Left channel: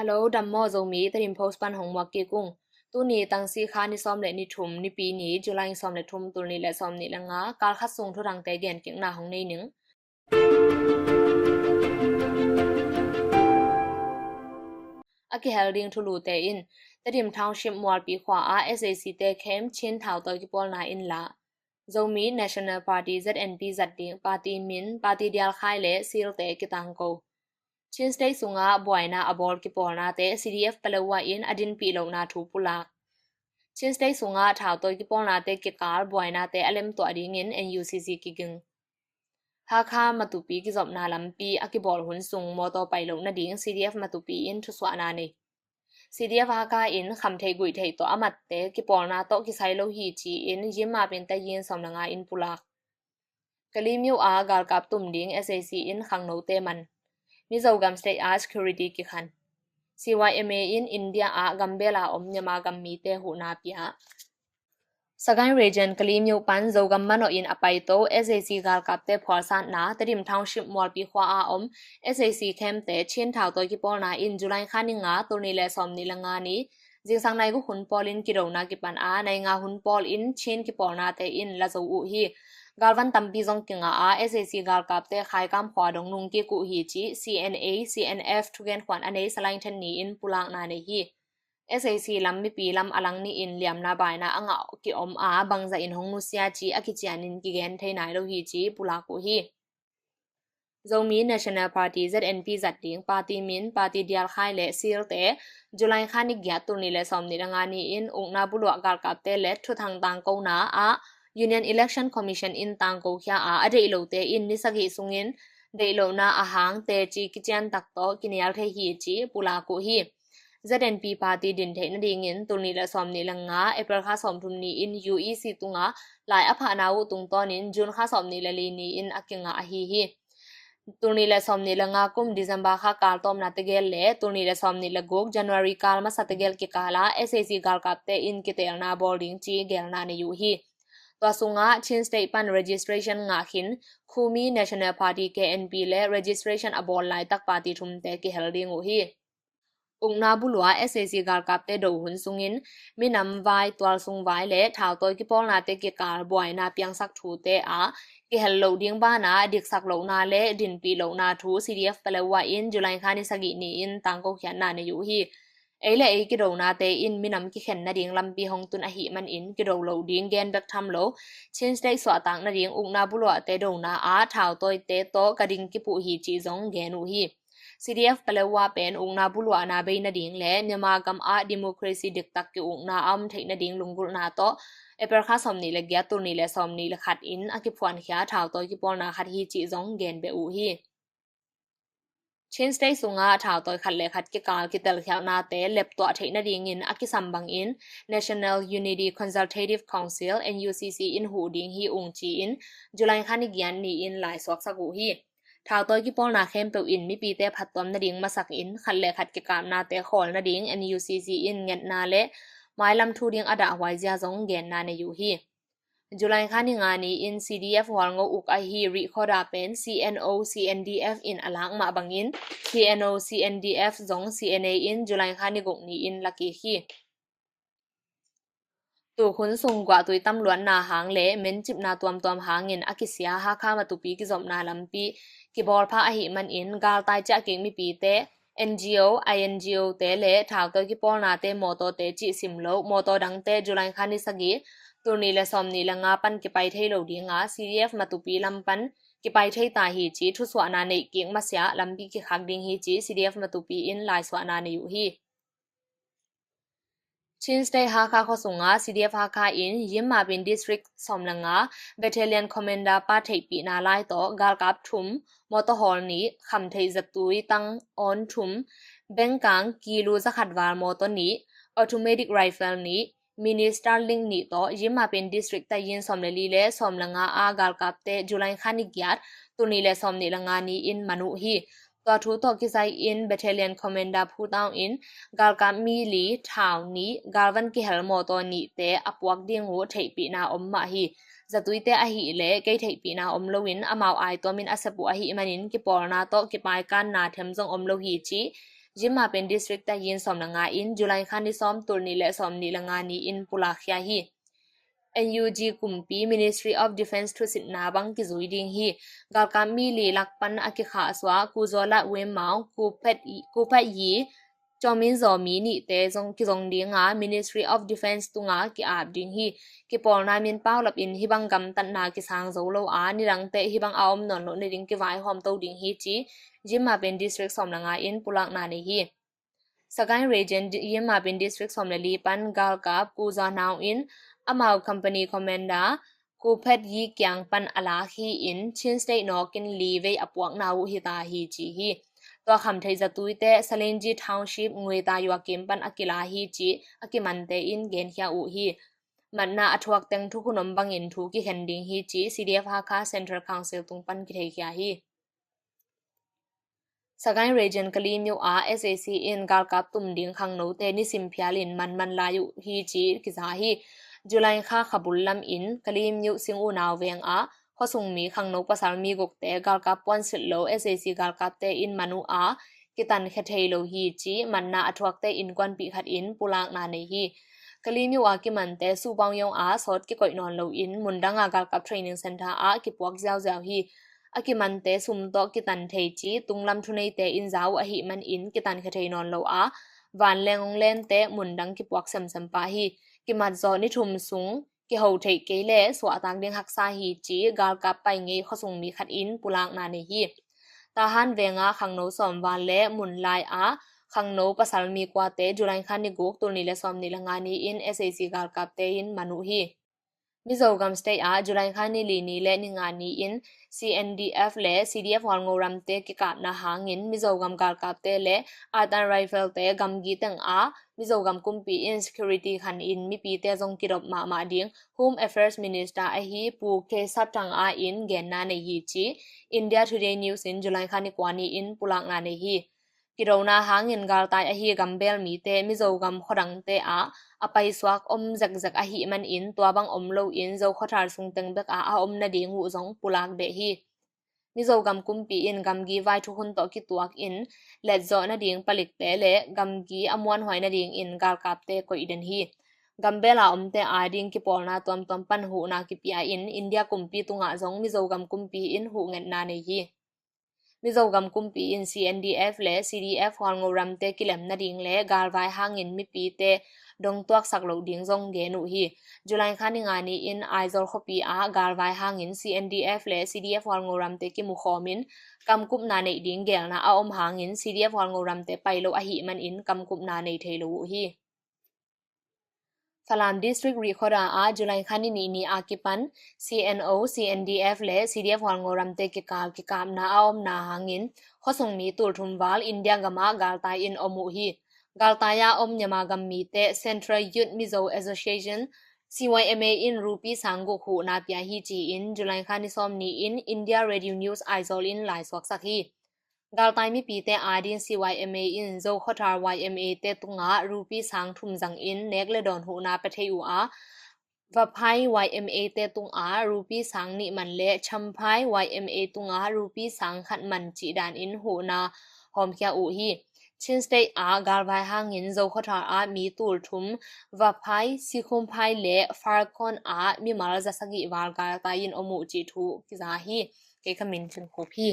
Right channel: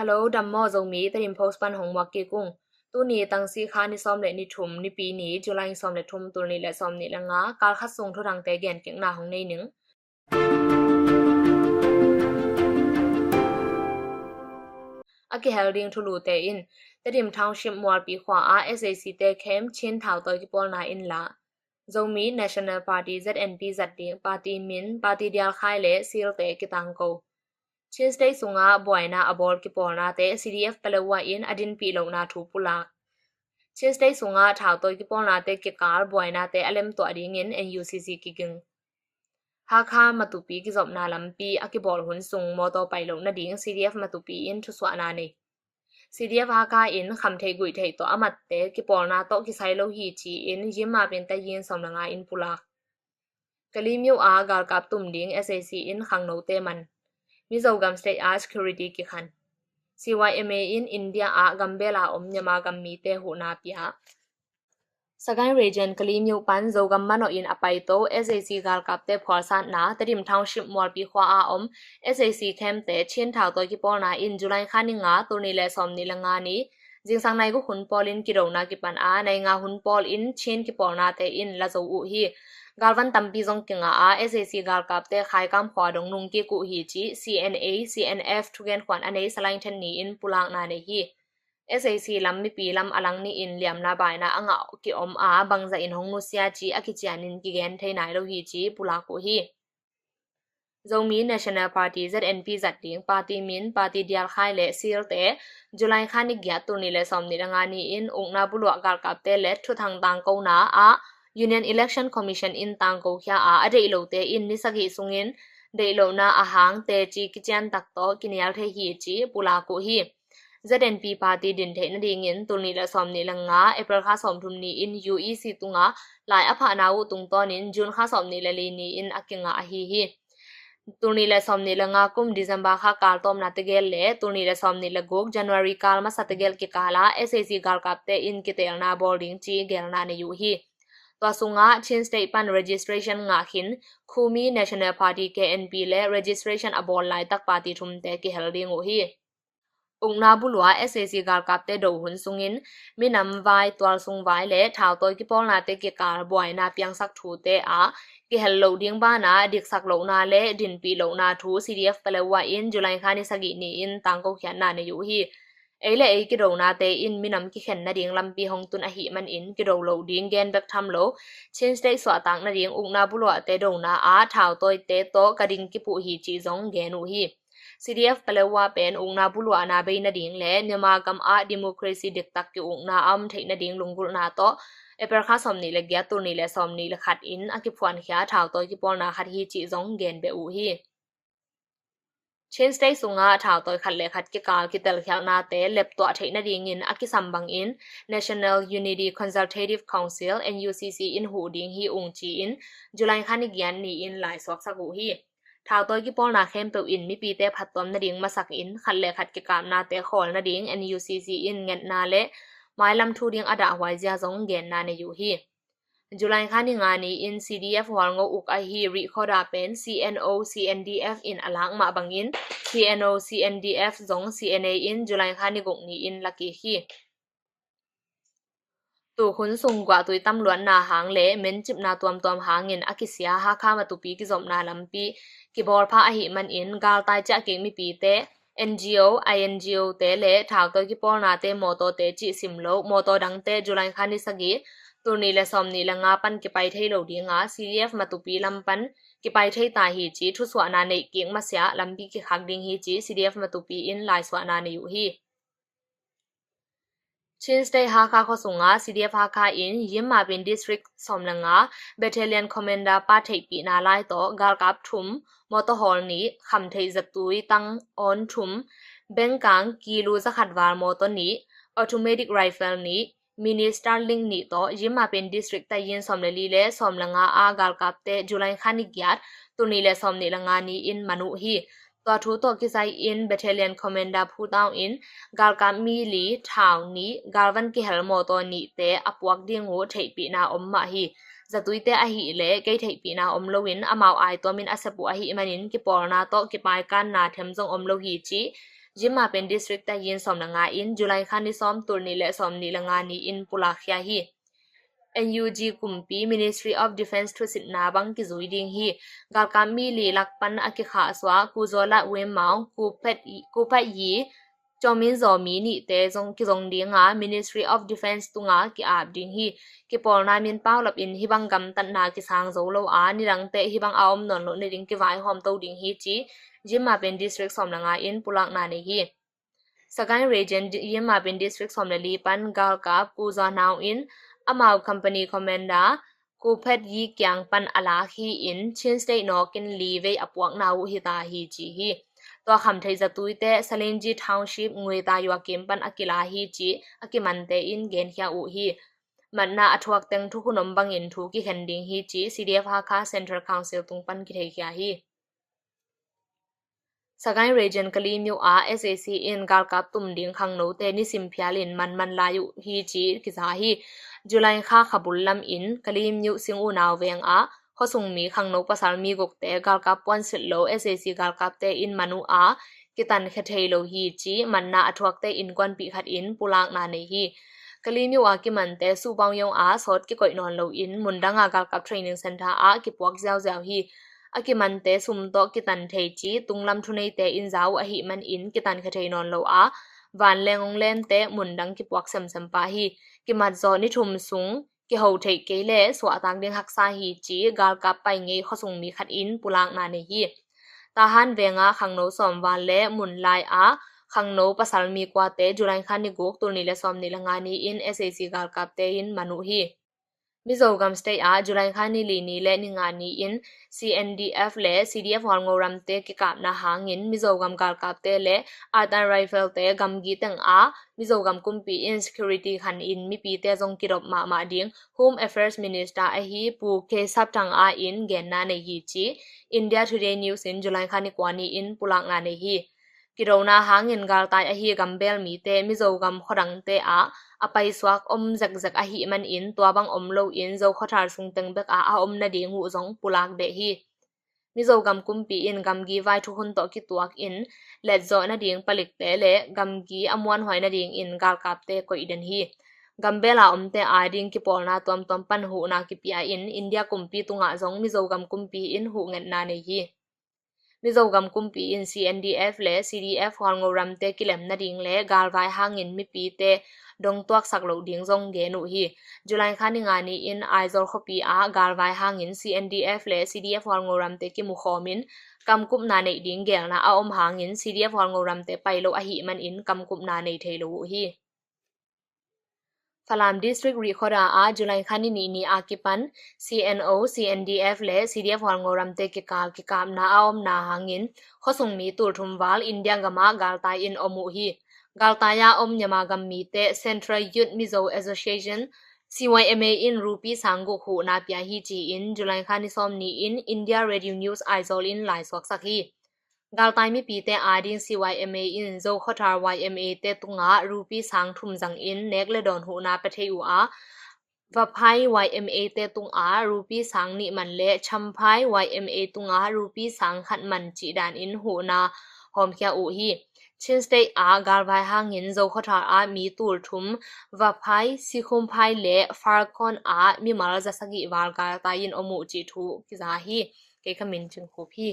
ฮัลโหลดัมโมโจมีตริมโพสปันหงมักกีกุ้งตัวนี้ตั้งสีขานิซอมเลนิทุมนิปีนี้จุลัยซอมเลทุมตัวนี้และซอมนี้ละงาการคัดส่งทุรังเตเกนเก่งหน้าของในหนึ่งอากิเฮลดิงทุลูเตอินตริมทาวชิมมัวปีขวาอาSACเตเข้มชินทาวตัวกิปอลนาอินละโจมี National Party ZNP จัดดิ่งปาร์ตี้มินปาร์ตี้เดียลไคเลซีลเตกิตังโกชินสเตย์สุงาบวยนาอบอลกิปอลนาเต CDF เปลวาอินอดินปีโลนาทูปุลากชินสเตย์สุงาทาวตัวกิปอลนาเตกิกาลบวยนาเตอเลมตัวดิ่งอิน NUCC กิกึงฮาคามาตุปีกิจบนาลัมปีอากิบอลหุนสุงมอโตไปโลนาดิ่ง CDF มาตุปีอินทุสวานาเนCDF ฮากาอินคำเทกุยเทตัวอมัดเตกิปอลนาโตกิไซโลฮีจีอินยิมมาเป็นตะยินสำนักงานอินปุลากกะลีมิวอากาลกับตุ่มดิ่ง SAC อินขังโนเตมันมิโซกัม State Art Security กิขัน CYMA in India อากัมเบลาอมยามากัมมีเตหูนาปียสกายเรเจนกะลีมิวปันโซกัมมันอินอไปโต SAC กาลกับเตพอลซานนาตริมทาวชิปมอลปีขวาอาอม SAC เข้มเตเชียนทาวตัวกิปอลนาอินจุลัยขานิงาตัวนี้และซอมนี่ละงานี้จิงสังในกุหุนปอลินกิโรนากิปันอาในงาหุนปอลอินเชียนกิปอลนาเตอินละโซอุฮีกาลวันตัมปีซงกิงอาSAC กาลกับเตขายกำขวาดงนุงกิกุฮีจี CNA CNF ทุกเกนขวัญอันนี้สลายทันนี้อินปุลางนาเนฮีSAC ลำมีปีลำอลังนี่อินเหลี่ยมนาบายนาอ่างกิอมอาบังจะอินหงนุสยาจีอากิจานินกิเกนเทนายโลฮีจีปุลากุฮีโจมี National Party ZNP จัดดิ่งปาร์ตี้มินปาร์ตี้เดียลไคเลซีลเตจุลัยขานิกยาตุนีเลซอมนิลงานีอินองนาบุลวกาลกับเตเลทุทางตังโกนาอา Union Election Commission in ตังโกขยาอาเดอิโลเตอินนิสกิสุงินเดอิโลนาอาหังเตจีกิจันตักโตกินยาลเทฮีจีปุลากุฮีZNP Party ดินเทนดิ่งอินตุนีและซอมนิลังงาเอเปรข้าสอมทุมนีอิน UEC ตุงาหลายอภานาวุตุงตอนินจุนข้าสอมนิลลีนีอินอากิงาอฮีฮีตุนีและซอมนิลังงากุมดิซัมบาข้ากาลตอมนาตเกลเลตุนีและซอมนิลกุก January กาลมาสัตเกลกิกาลา SAC กาลกับเตอินกิเตลนาบอลดิงจีเกลนาเนยูฮีตัวสุงาชินสเตปัน registration งาขินคูมี National Party KNP และ registration อบอลไลตักปาร์ตี้ทุมเตกิเฮลดิงโอฮีองนาบุลวา SAC กาลกับเตโดหุนสุงินมินำไวตัวสุงไวและทาวตัวกิปอลนาเตกิกาลบวยนาเปียงสักทูเตอากิเฮลโลดิงบ้านาดิกสักโลนาและดินปีโลนาทู CDF เปลวาอินจุลัยขานิสกินีอินตังโกเขียนนาเนยูฮีเอเลเอกิโรนาเตอินมินำกิเข็นนาดิงลำปีหงตุนอหิมันอินกิโรโลดิงเกนเบกทำโลชินสเตสวาตังนาดิงองนาบุลวาเตโดนาอาทาวตัวเตโตกระดิงกิปุฮีจีซงเกนูฮีCDF เปลว่าเป็นองนาบุลวานาเบยนาดิงและเมียมากำอาดิโมคราซีเด็กตักกิองนาอัมเทนาดิงลุงกุลนาโตเอเปรข้าสอมนีเลกยาตุนีเลสอมนีเลขัดอินอากิพวนขยาทาวตัวกิปอลนาขัดฮีจีซงเกนเบอูฮีเช่นสเตย์สุงาทาวตัวขัดเลขัดกิกาลกิเตลขยานาเตเล็บตัวเทนาดิงอินอากิสัมบังอิน National Unity Consultative Council NUCC อินหูดิงฮีองจีอินจุลัยขานิกยันนีอินหลายสวกสกูฮีทาวตัวกิปอลนาเข้มเปอินมีปีเตพัดตอมนาดิงมาสักอินขัดเลขัดกิกามนาเตขอลนาดิง NUCC อินเงินนาเลไม้ลำทูดิงอดาไวเจียซงเกนนาในยูฮีจุลัยขานิงานีอิน CDF หัวงอุกไอฮีริคอดาเป็น CNO CNDF อินอลังมาบังอิน CNO CNDF ซง CNA อินจุลัยขานิกงนีอินลักกี้ฮีตัวขุนสุงกว่าตุยตำล้วนนาหางเละเม้นจิบนาตวมหาเงินอากิเสียฮาข้ามาตุปีกิจบนาลำปีกิบอลพาอหิมันอินกาลตายจะเก่งมีปีเต NGO INGO เตเลทาวตัวกิปอลนาเตโมโตเตจิสิมโลโมโตดังเตจุลัยขานิสกีตัวนี้และซอมนี้ละงาปันกิไปเทโลดีงา CDF มาตุปีลำปันกิไปเทตาฮีจีทุสวานาเนเกียงมาเสียลำปีกิขักดิงฮีจี CDF มาตุปีอินลายสวานาเนยูฮีชินสเตย์ฮาคาขสุงา CDF ฮาคาอินยิมมาเป็น district สอมละงา battalion commander ป้าเทปีนาไลโตกาลกับทุมมอเตอร์ฮอลนี้คำเทจัตุยตังออนทุมเบงกังกิลูจะขัดวาลมอเตอร์นี้ automatic rifle นี้มินิสตาร์ลิงนี้โตยิมมาเป็น district แต่ยินสอมเลลีเลสอมละงาอากาลกับเตจุลัยขานิกยัดตุนีเลสอมนิละงานี้อินมนุฮีตัวทูตัวกิไซอิน battalion commander ผู้ดาวอินกาลกับมีลีทาวนี้กาลวันกิเฮลโมโตนี้เตอปวักดิงหูเทปีนาอมมาฮีจะตุยเตอหิเลเกยเทปีนาอมโลวินอมาวไอตัวมินอสปุอหิมันินกิปอลนาโตกิปายกันนาเทมจงอมโลฮีจี ยิมมาเป็นดิสทริกแต่ยินสอมละงาอินจุไลคันที่ซ้อมตุลนี่และซ้อมนี่ละงานี้อินปุลาขยาฮี NUG กุมปี Ministry of Defense ทุสิตนาบังกิจุยดิงฮีกาลกามีลีลักปันอากิขาสวากูโซละเวมาวกูเพดยีจอมินซอมีนี่เตจงกิจงดิงา Ministry of Defense ตุงากิอาบดิงฮีกิปอลนามินเป้าลับอินฮิบังกำตันนากิสางโซโลอานิรังเตฮิบังอาวมนนโลนิดิงกิไวหอมโตดิงฮีจียิมมาเป็นดิสทริกสอมละงาอินปุลักนาเนฮีสกายเรเจนยิมมาเป็นดิสทริกสอมละลีปันกาลกาบกูซานาวอินAmau company commander ku phet yi kyang pan ala hi in chin state no kin li ve apuak nau hi ta hi chi hi to kham thei za tuite salenji township ngwe ta ywa kim pan akila hi chi akimante in gen hya u hi manna athuak teng thu kunom bangin thu ki hending hi chi CDF ha kha central council tung pan ki thei hya hi Sagai region kalimyo a SAC in galkap tum ding khang no te ni simphialin man la yu hi chi ki za hi July kha khabul lam in kalim yu singu naw veng a khosung mi khang no pasal mi gok te galkap pon sit lo SAC galkap te in manu a kitan khathei lo hi chi manna athuak te in kwan pi khat in pulak na nei hi kalim yu a ki man te su bang yong a sot ki koi non lo in mundanga galkap training center a ki puak jaw jaw hi akimante sumto kitan thei chi tunglam thunei te in zaw a hi man in kitan khathei non lo a van lengong len te mundang ki puak sam sam pa hi ki mat zo ni thum sung ki ho thei ke le so atang ding haksa hi chi gal kap pai nge khosung mi khat in pulang na ne hi ta han venga khangno som van le mun lai a khangno pasal mi kwa te julai khan ni gok tur ni le som ni langa ni in SAC gal kap te in manu hi Zogam state a July khani li ni le ni nga ni in CNDF le CDF hol ngoram te ki kap na hangin Zogam gal kap te le Artan rifle te gamgi teng a Zogam kumpi in security khan in mi pi te jong kirop ma ding Home Affairs Minister a hi pu ke saptang a in gen na ne hi chi India Today News in July khani kwani in pulang na ne hi kirona hangin gal tai a hi gambel mi te Zogam khodang te a apai swak zak zak a hi man in tuabang lo in zo khothar sung teng bek a om na ding hu zong pulak de hi Zogam kumpi in gamgi vai thu hun to ki tuak in let zo na ding palik te le gamgi amwan hoi na ding in gal kap te ko iden hi gambela te a ding ki polna tom pan hu na ki pia in India kumpi tunga zong Zogam kumpi in hu ngen na nei hi Zogam kumpi in CNDF le CDF hol ngoram te kilem na ding le gal vai hangin mi pi te dong tuak sak lo ding zong ge nu hi July khani nga ni in aizol khopi a gal vai hangin CNDF le CDF hol ngoram te ki mu khomin kam kup na nei ding gel na a hangin CDF hol ngoram te pailo a hi man in kam kup na nei thei lo hi Falam district Rikhoda a July khani ni akipan CNO CNDF le CDF hol ngoram te ki kap na a na hangin khosung mi tur thumwal India gama gal tai in omu hi Galtaya nyama gammi te Central Youth Mizo Association CYMA in Rupi Sangu hu na pya hi chi in July khani som ni in India Radio News Aizol in lai swak sakhi Galtai mi pi te adin CYMA in zo khothar YMA te tunga Rupi sang thum jang in nekle don hu na pathei u a Vaphai YMA te tunga Rupi sang ni man le champhai YMA tunga Rupi sang khat man chi dan in hu na hom kya u hi Chin state a galvai hangin zo khothar a mi tul thum vaphai sikhum phai le farkon a mi mal jasagi wal gal ta in omu chi thu ki za hi ke khamin chin khu phi